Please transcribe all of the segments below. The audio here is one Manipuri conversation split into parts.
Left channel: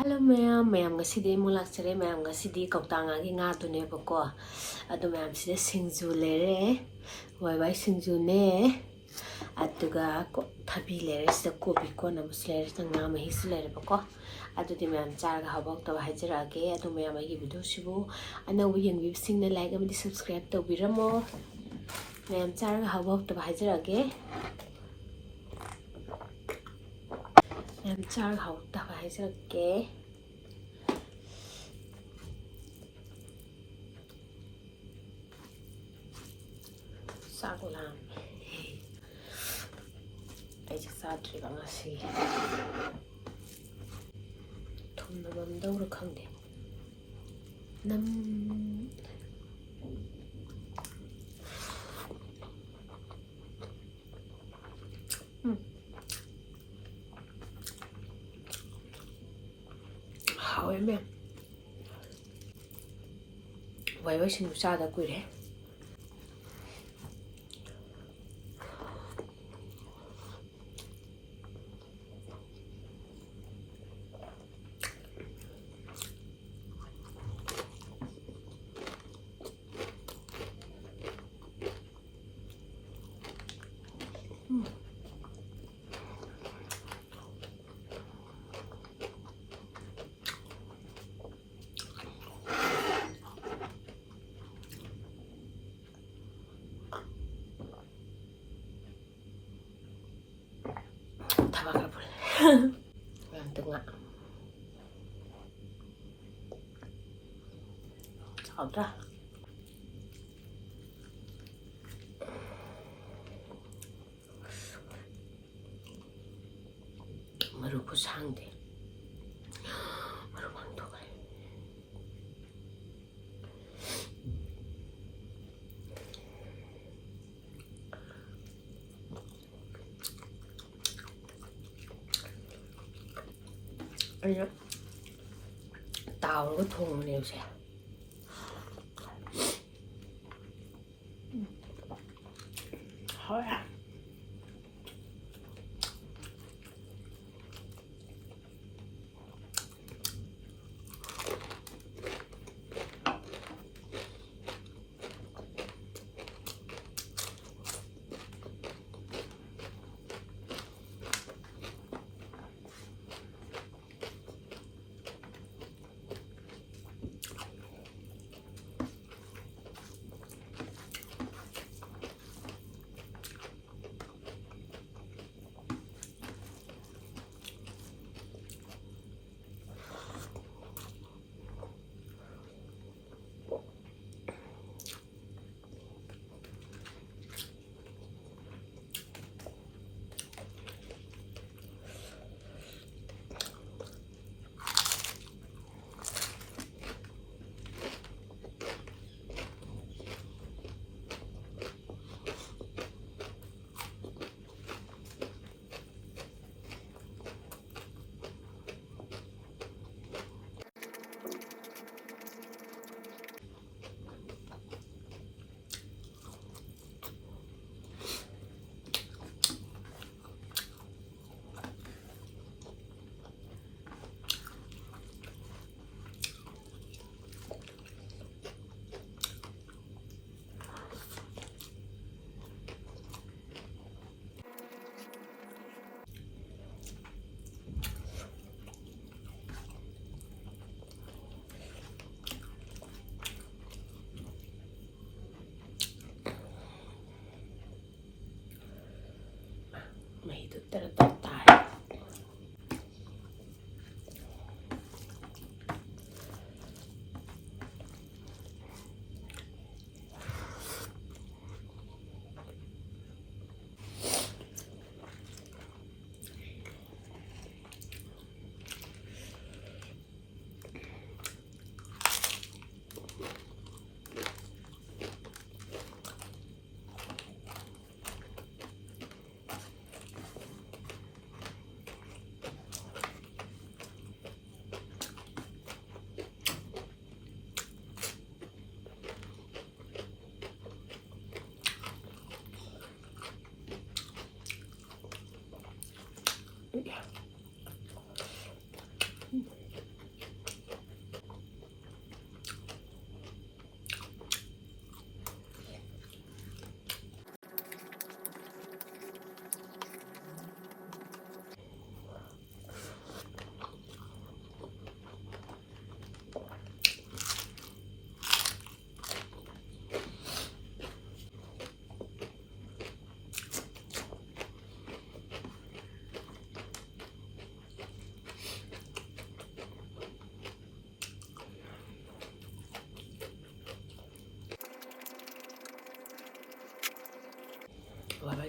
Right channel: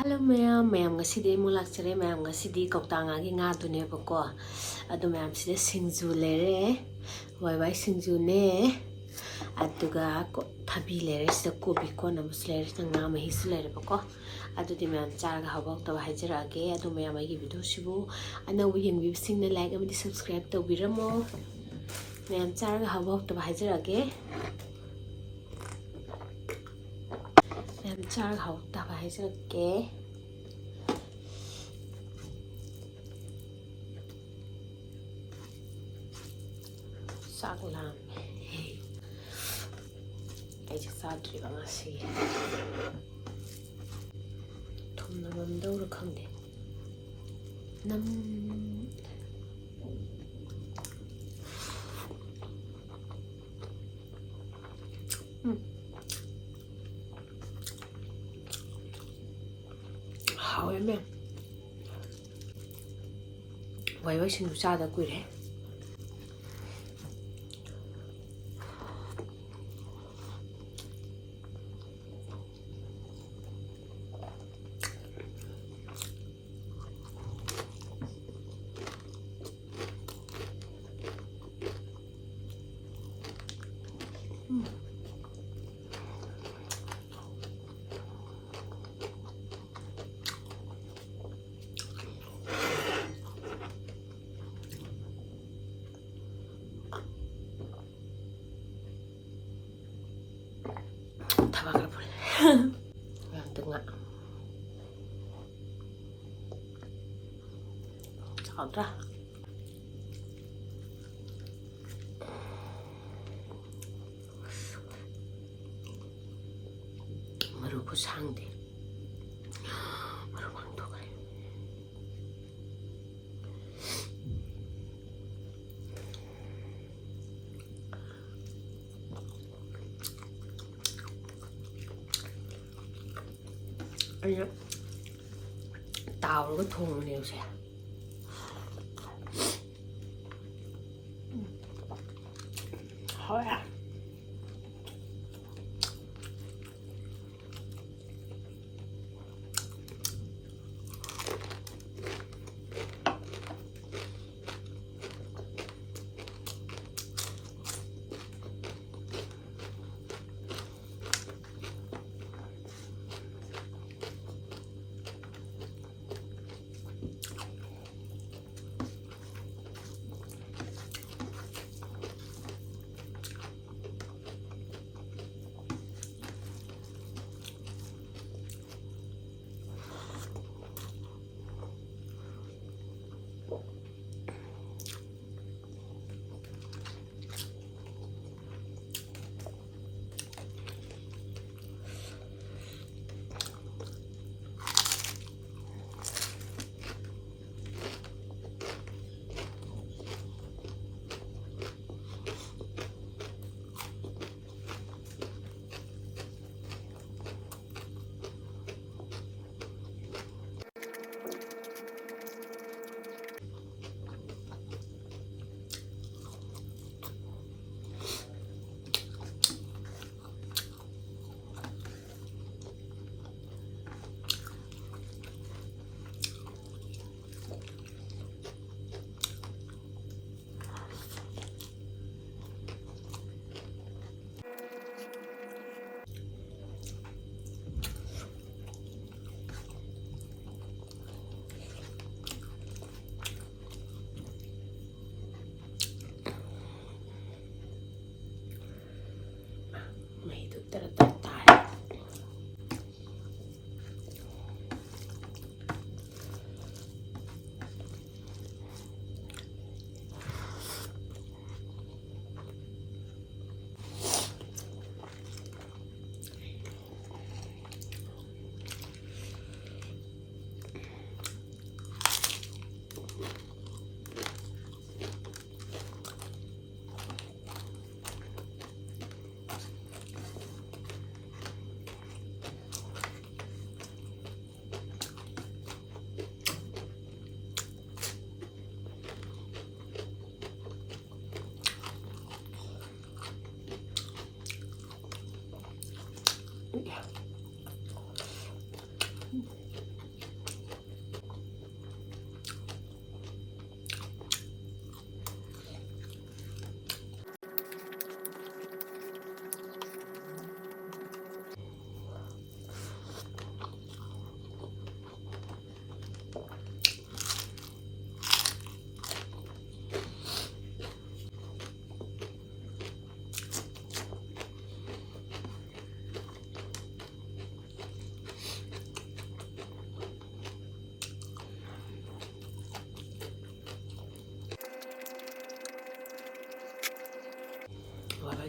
Hello ma'am ngasi mo lakchare ma'am ngasi kautanga gi nga dune bako adu ma'am sida singju lere wai singju ne aduga ko thabi lere sida kobi ko na muslere sida nga ma hi lere bako adu di ma'am charga habak to hajira age adu ma'am gi video sibu ana wi yeng bi sing na like amadi subscribe to biramo ma'am charga habak to hajira age ma'am charga habak to hajira age Sagulam. Ay sadri bang asi. Thum na bam daura khangde. Nam How em em. Wai xin sa da quy đấy. Tabakar boleh. Yang tengah. Udah. Merupakan sangde. Merupakan tuh kan. Ayo. Tao nó có thùng nhiều sẽ. Thôi à.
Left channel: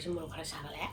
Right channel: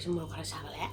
ꯃꯣꯔꯣꯛꯁꯦ ꯃꯣꯔꯣꯛ ꯈꯔ ꯁꯥꯒꯠꯂꯦ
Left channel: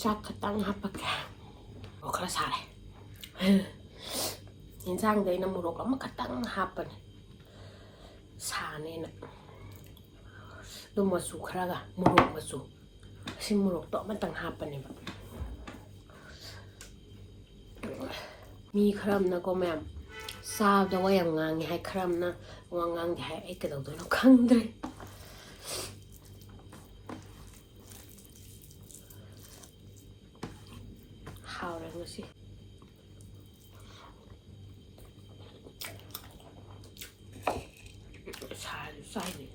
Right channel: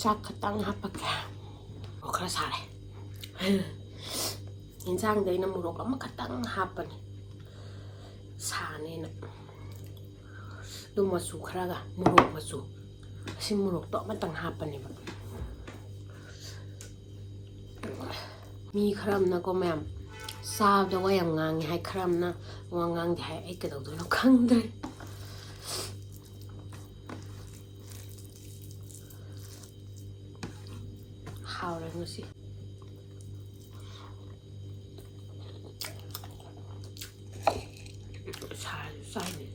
ꯆꯥꯛ ꯈꯛꯇꯪ ꯍꯥꯞꯄꯛꯀꯦ ꯃꯣꯔꯣꯛ ꯈꯔ ꯁꯥꯔꯦ ꯌꯦꯟꯁꯥꯡꯗ ꯑꯩꯅ ꯃꯣꯔꯣꯛ ꯑꯃꯈꯛꯇꯪ ꯍꯥꯞꯄꯅꯤ ꯁꯥꯅꯦꯅ ꯑꯗꯨ ꯃꯆꯨ ꯈꯔꯒ ꯃꯣꯔꯣꯛ ꯃꯆꯨ ꯑꯁꯤ ꯃꯣꯔꯣꯛꯇꯣ ꯑꯃꯇꯪ ꯍꯥꯞꯄꯅꯦꯕ ꯃꯤ ꯈꯔ ꯑꯃꯅꯀꯣ ꯃꯌꯥꯝ ꯆꯥꯕꯗ ꯋꯥ ꯌꯥꯝ ꯉꯥꯡꯉꯦ ꯍꯥꯏ ꯈꯔ ꯑꯃꯅ ꯋꯥ ꯉꯥꯡꯗꯦ ꯍꯥꯏ ꯑꯩ ꯀꯩꯗꯧꯗꯣꯏꯅꯣ ꯈꯪꯗ꯭ꯔꯦ ꯍꯥꯎꯔꯦ ꯉꯁꯤ ꯁꯥꯔꯁꯨ ꯆꯥꯏꯅꯦ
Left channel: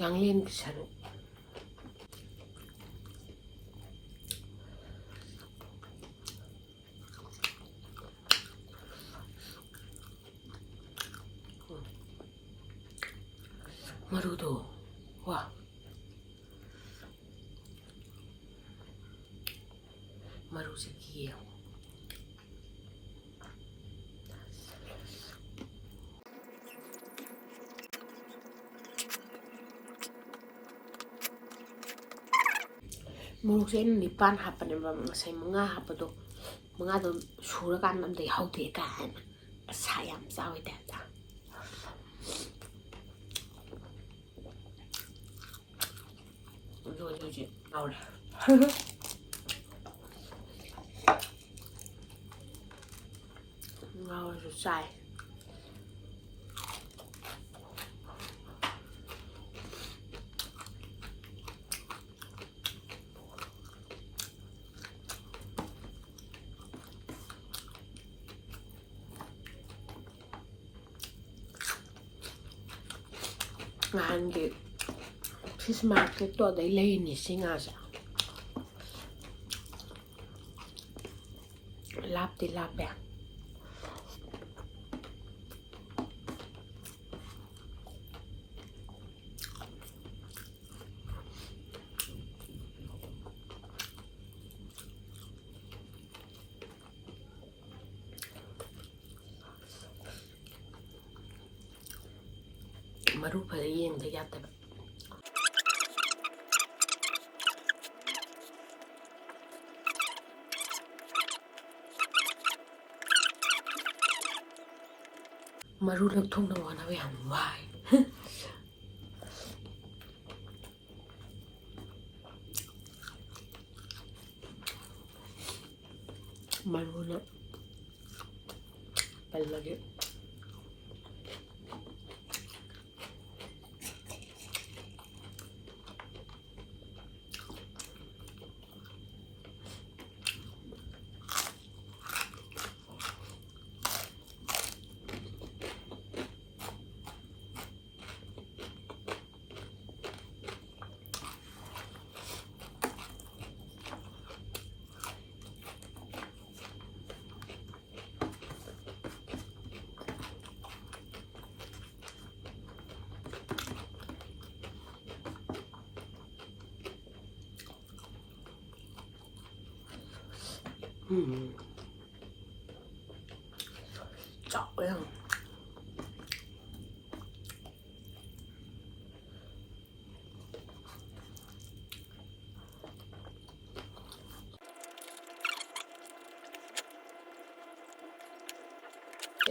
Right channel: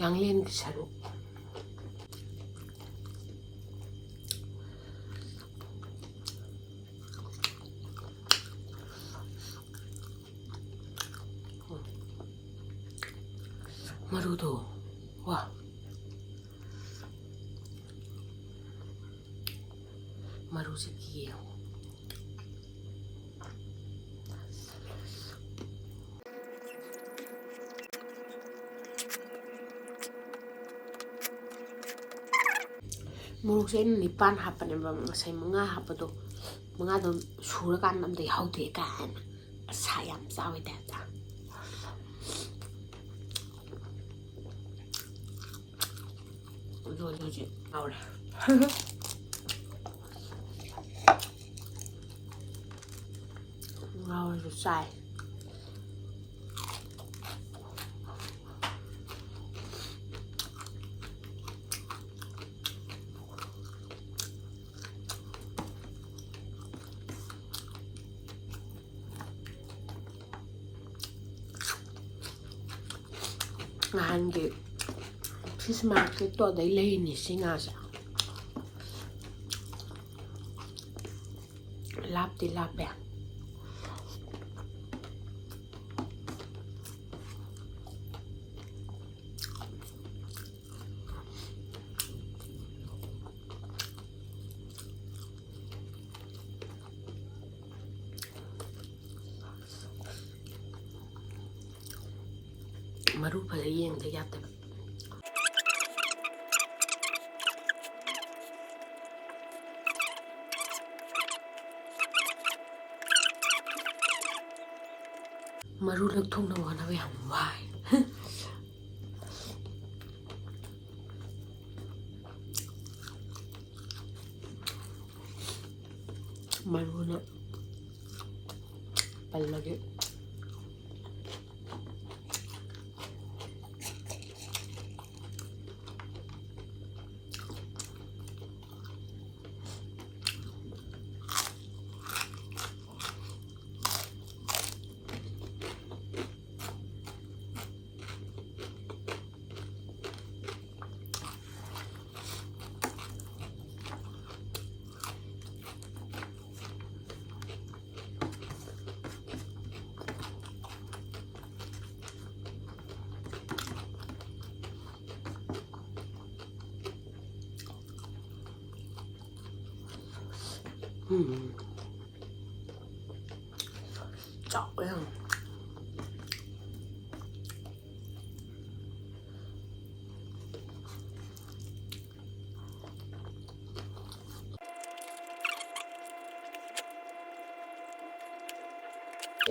ꯌꯥꯡꯂꯦꯟꯒꯤ ꯁꯔꯨꯛ ꯃꯔꯨꯗꯣ ꯋꯥ ꯃꯔꯨꯁꯦ ꯌꯦꯡꯉꯣ ꯃꯣꯔꯣꯛꯁꯦ ꯑꯩꯅ 9 ꯍꯥꯞꯄꯅꯦꯕ ꯉꯁꯥꯏ 5 ꯍꯥꯞꯄꯗꯣ 5ꯗꯣ ꯁꯨꯔꯀꯥꯟꯗ ꯑꯝꯇ ꯌꯥꯎꯗꯦ ꯀꯥꯏꯅ ꯑꯁꯥ ꯌꯥꯝ ꯆꯥꯎꯋꯤ ꯇꯥꯏꯞꯇ ꯍꯧꯖꯤꯛ ꯉꯥꯎꯔꯦ ꯉꯥꯎꯔꯁꯨ ꯆꯥꯏ ꯅꯍꯥꯟꯒꯤ ꯐꯤꯁ ꯃꯥꯔꯀꯦꯠꯇꯣ ꯑꯗꯩ ꯂꯩꯔꯤꯅꯤ ꯁꯤ ꯉꯥꯁꯦ ꯂꯥꯞꯇꯤ ꯂꯥꯞꯄꯦ ꯃꯔꯨ ꯐꯖ ꯌꯦꯡꯗ ꯌꯥꯗꯕ ꯃꯔꯨ ꯂꯧꯊꯣꯛꯅꯕ ꯍꯣꯠꯅꯕ ꯌꯥꯝ ꯋꯥꯏ ꯃꯔꯨꯅ ꯄꯜꯂꯒꯦ ꯆꯥꯎꯋꯦ ꯌꯥꯝ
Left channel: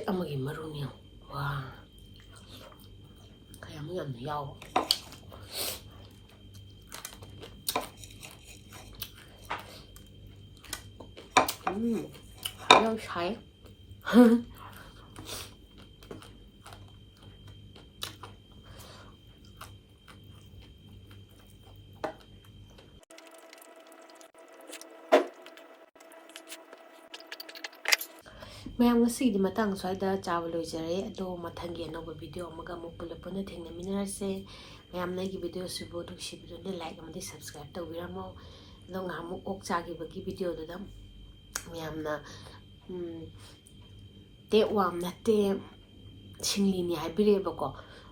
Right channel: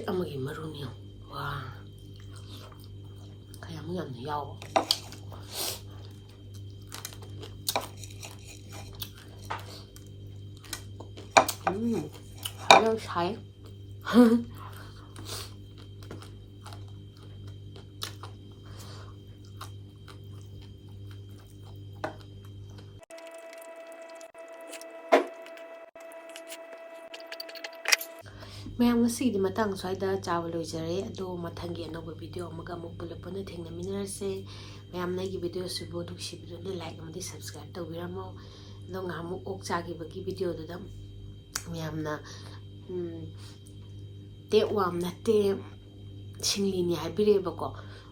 ꯑꯃꯒꯤ ꯃꯔꯨꯅꯤ ꯋꯥ ꯀꯌꯥꯃꯨꯛ ꯌꯥꯝꯅ ꯌꯥꯎꯕ ꯌꯥꯝ ꯁꯥꯏ ꯃꯌꯥꯝ ꯉꯁꯤꯒꯤꯗꯤ ꯃꯇꯥꯡ ꯁ꯭ꯋꯥꯏꯗ ꯆꯥꯕ ꯂꯣꯏꯖꯔꯦ ꯑꯗꯣ ꯃꯊꯪꯒꯤ ꯑꯅꯧꯕ ꯚꯤꯗꯤꯑꯣ ꯑꯃꯒ ꯑꯃꯨꯛ ꯄꯨꯂꯞ ꯄꯨꯟꯅ ꯊꯦꯡꯅꯃꯤꯟꯅꯔꯁꯦ ꯃꯌꯥꯝꯅ ꯑꯩꯒꯤ ꯚꯤꯗꯤꯑꯣꯁꯤꯕꯨ ꯅꯨꯡꯁꯤꯕꯤꯗꯨꯅ ꯂꯥꯏꯛ ꯑꯃꯗꯤ ꯁꯕꯁꯀ꯭ꯔꯥꯏꯕ ꯇꯧꯕꯤꯔꯝꯃꯣ ꯑꯗꯣ ꯉꯥꯏꯍꯥꯛꯃꯨꯛ ꯑꯣꯛ ꯆꯥꯈꯤꯕꯒꯤ ꯚꯤꯗꯤꯑꯣꯗꯨꯗ ꯃꯌꯥꯝꯅ ꯇꯦꯞ ꯋꯥꯝ ꯅꯠꯇꯦ ꯁꯤꯡꯂꯤꯅꯤ ꯍꯥꯏꯕꯤꯔꯛꯑꯦꯕꯀꯣ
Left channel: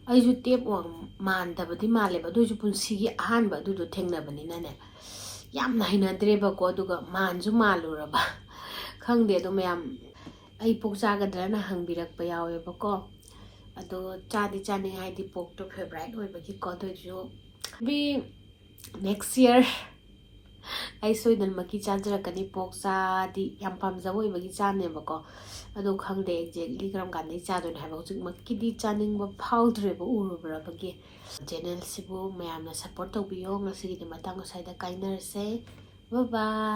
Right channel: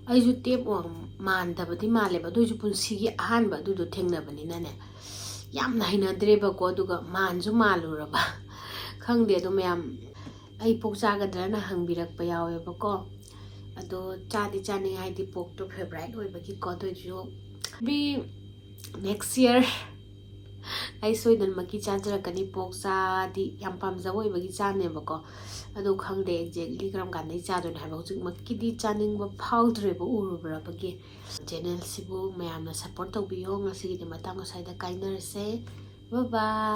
ꯑꯩꯁꯨ ꯇꯦꯞ ꯋꯥꯝ ꯃꯥꯟꯗꯕꯗꯤ ꯃꯥꯜꯂꯦꯕ ꯑꯗꯨ ꯑꯣꯏꯁꯨ ꯄꯨꯟꯁꯤꯒꯤ ꯑꯍꯥꯟꯕ ꯑꯗꯨꯗꯣ ꯊꯦꯡꯅꯕꯅꯤꯅꯅꯦ ꯌꯥꯝꯅ ꯍꯩꯅꯗ꯭ꯔꯦꯕꯀꯣ ꯑꯗꯨꯒ ꯃꯥꯟꯁꯨ ꯃꯥꯜꯂꯨꯔꯕ ꯈꯪꯗꯦ ꯑꯗꯣ ꯃꯌꯥꯝ ꯑꯩ ꯄꯣꯛ ꯆꯥꯒꯗ꯭ꯔꯅ ꯍꯪꯕꯤꯔꯛꯄ ꯌꯥꯎꯋꯦꯕꯀꯣ ꯑꯗꯣ ꯆꯥꯗꯤ ꯆꯥꯅꯤꯡꯉꯦ ꯍꯥꯏꯗꯤ ꯄꯣꯛꯇꯣ ꯐꯦꯚꯣꯔꯥꯏꯠ ꯑꯣꯏꯕꯒꯤꯀꯣ ꯑꯗꯨ ꯑꯣꯏꯁꯨ ꯅꯦꯛꯁ ꯌꯔ ꯑꯩ ꯁꯣꯏꯗꯅꯃꯛꯀꯤ ꯆꯥꯖꯔꯛꯀꯅꯤ ꯄꯣꯛ ꯆꯥꯗꯤ ꯌꯥꯝ ꯄꯥꯝꯖꯕ ꯑꯣꯏꯕꯒꯤ ꯆꯥꯅꯦꯕꯀꯣ ꯑꯗꯣ ꯈꯪꯗꯦ ꯑꯦꯛꯖꯦꯛꯂꯤ ꯀꯔꯝ ꯀꯥꯟꯗꯩ ꯆꯥꯗꯣꯏꯅꯣ ꯍꯥꯏꯕ ꯍꯧꯖꯤꯛꯃꯛꯀꯤꯗꯤ ꯆꯥꯅꯤꯡꯕ ꯐꯥꯎꯗ꯭ꯔꯦꯕ ꯎꯔꯨꯕꯒꯤ ꯆꯦꯅꯦꯜꯁꯤꯕꯨ ꯃꯌꯥꯝꯅ ꯁꯞꯄꯣꯔꯠ ꯇꯧꯕꯤꯌꯣ ꯉꯁꯤꯒꯤꯗꯤ ꯃꯇꯥꯡ ꯑꯁ꯭ꯋꯥꯏꯗ ꯀꯥꯏꯅꯔꯁꯦ ꯕꯥꯏ ꯕꯥꯏ